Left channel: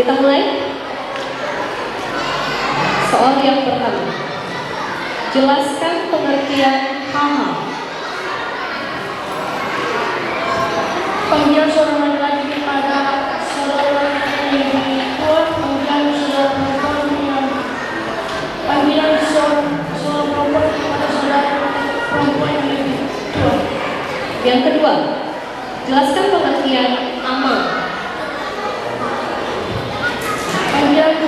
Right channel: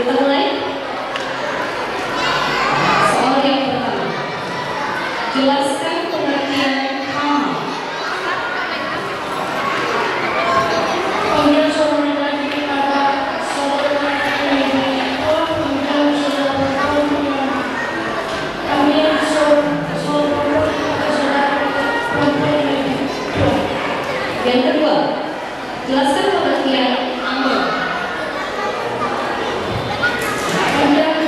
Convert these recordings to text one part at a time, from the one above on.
Kita mulai. Soal yang pertama. Jelaskan pengertian hama. Panggilan seorang laki kepada seorang yang kuat mengenal seorang perempuan. Panggilan seorang pondok kepada saudara perempuan yang tua. Yang kedua, jelaskan pengertian amal. Panggilan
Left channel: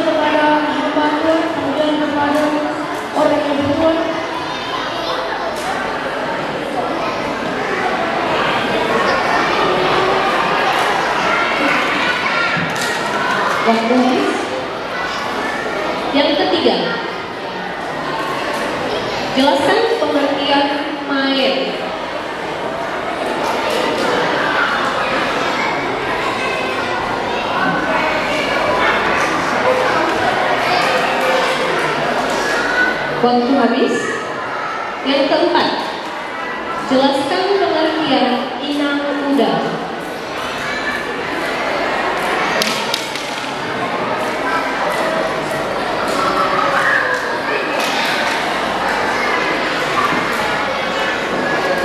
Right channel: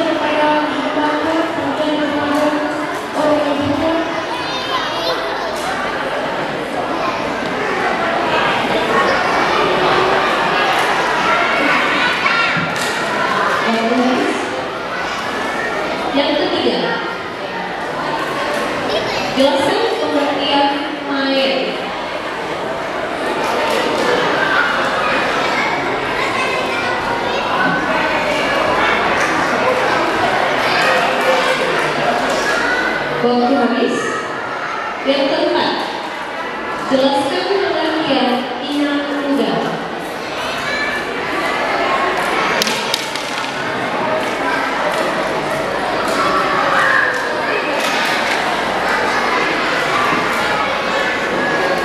kepada lembaga, panggilan kepada orang yang tua. Yang ketiga, jelaskan pengertian mayat. Waktu habis. Yang keempat, jelaskan pengertian inang muda.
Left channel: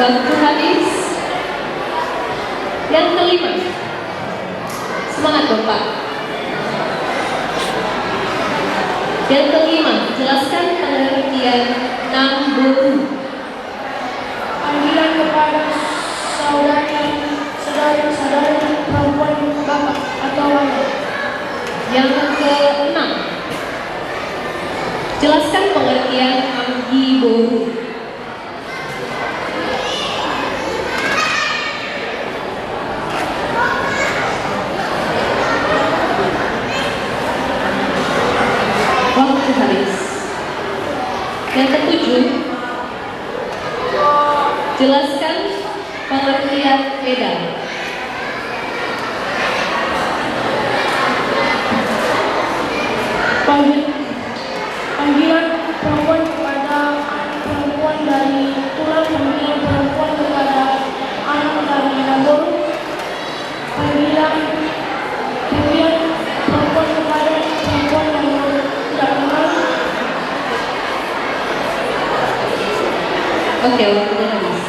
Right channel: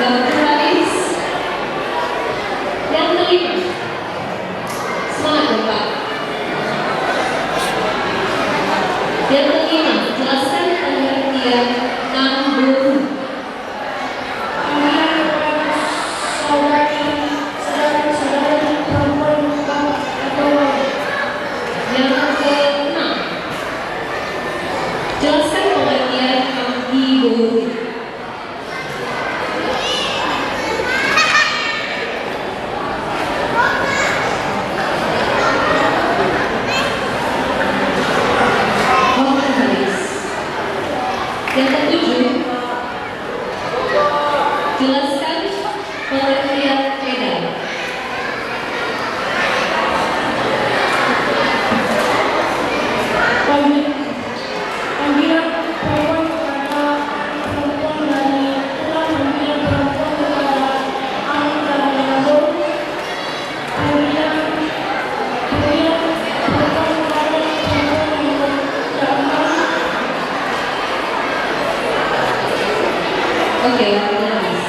Waktu habis. Yang kelima, semangat ya Pak. Yang kelima, jelaskan pengertian nambung. Panggilan kepada saudara perempuan bapak atau wanita. Yang keenam, jelaskan pengertian abdi boru. Waktu habis. Yang ketujuh, jelaskan pengertian lebar. Panggilan perempuan kepada perempuan dari pulang, panggilan perempuan kepada anak dari Nado. Panggilan perempuan kepada perempuan yang tidak kenal. Oke, waktu habis.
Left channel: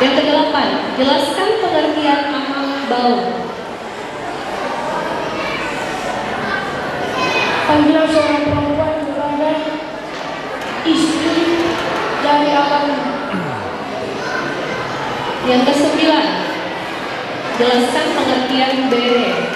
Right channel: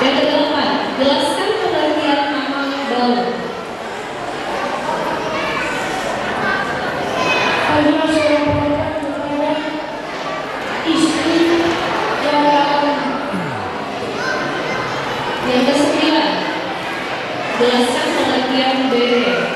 Yang kedelapan, jelaskan pengertian amal bangun. Panggilan seorang perempuan kepada istri dan anak. Yang kesembilan, jelaskan pengertian bere.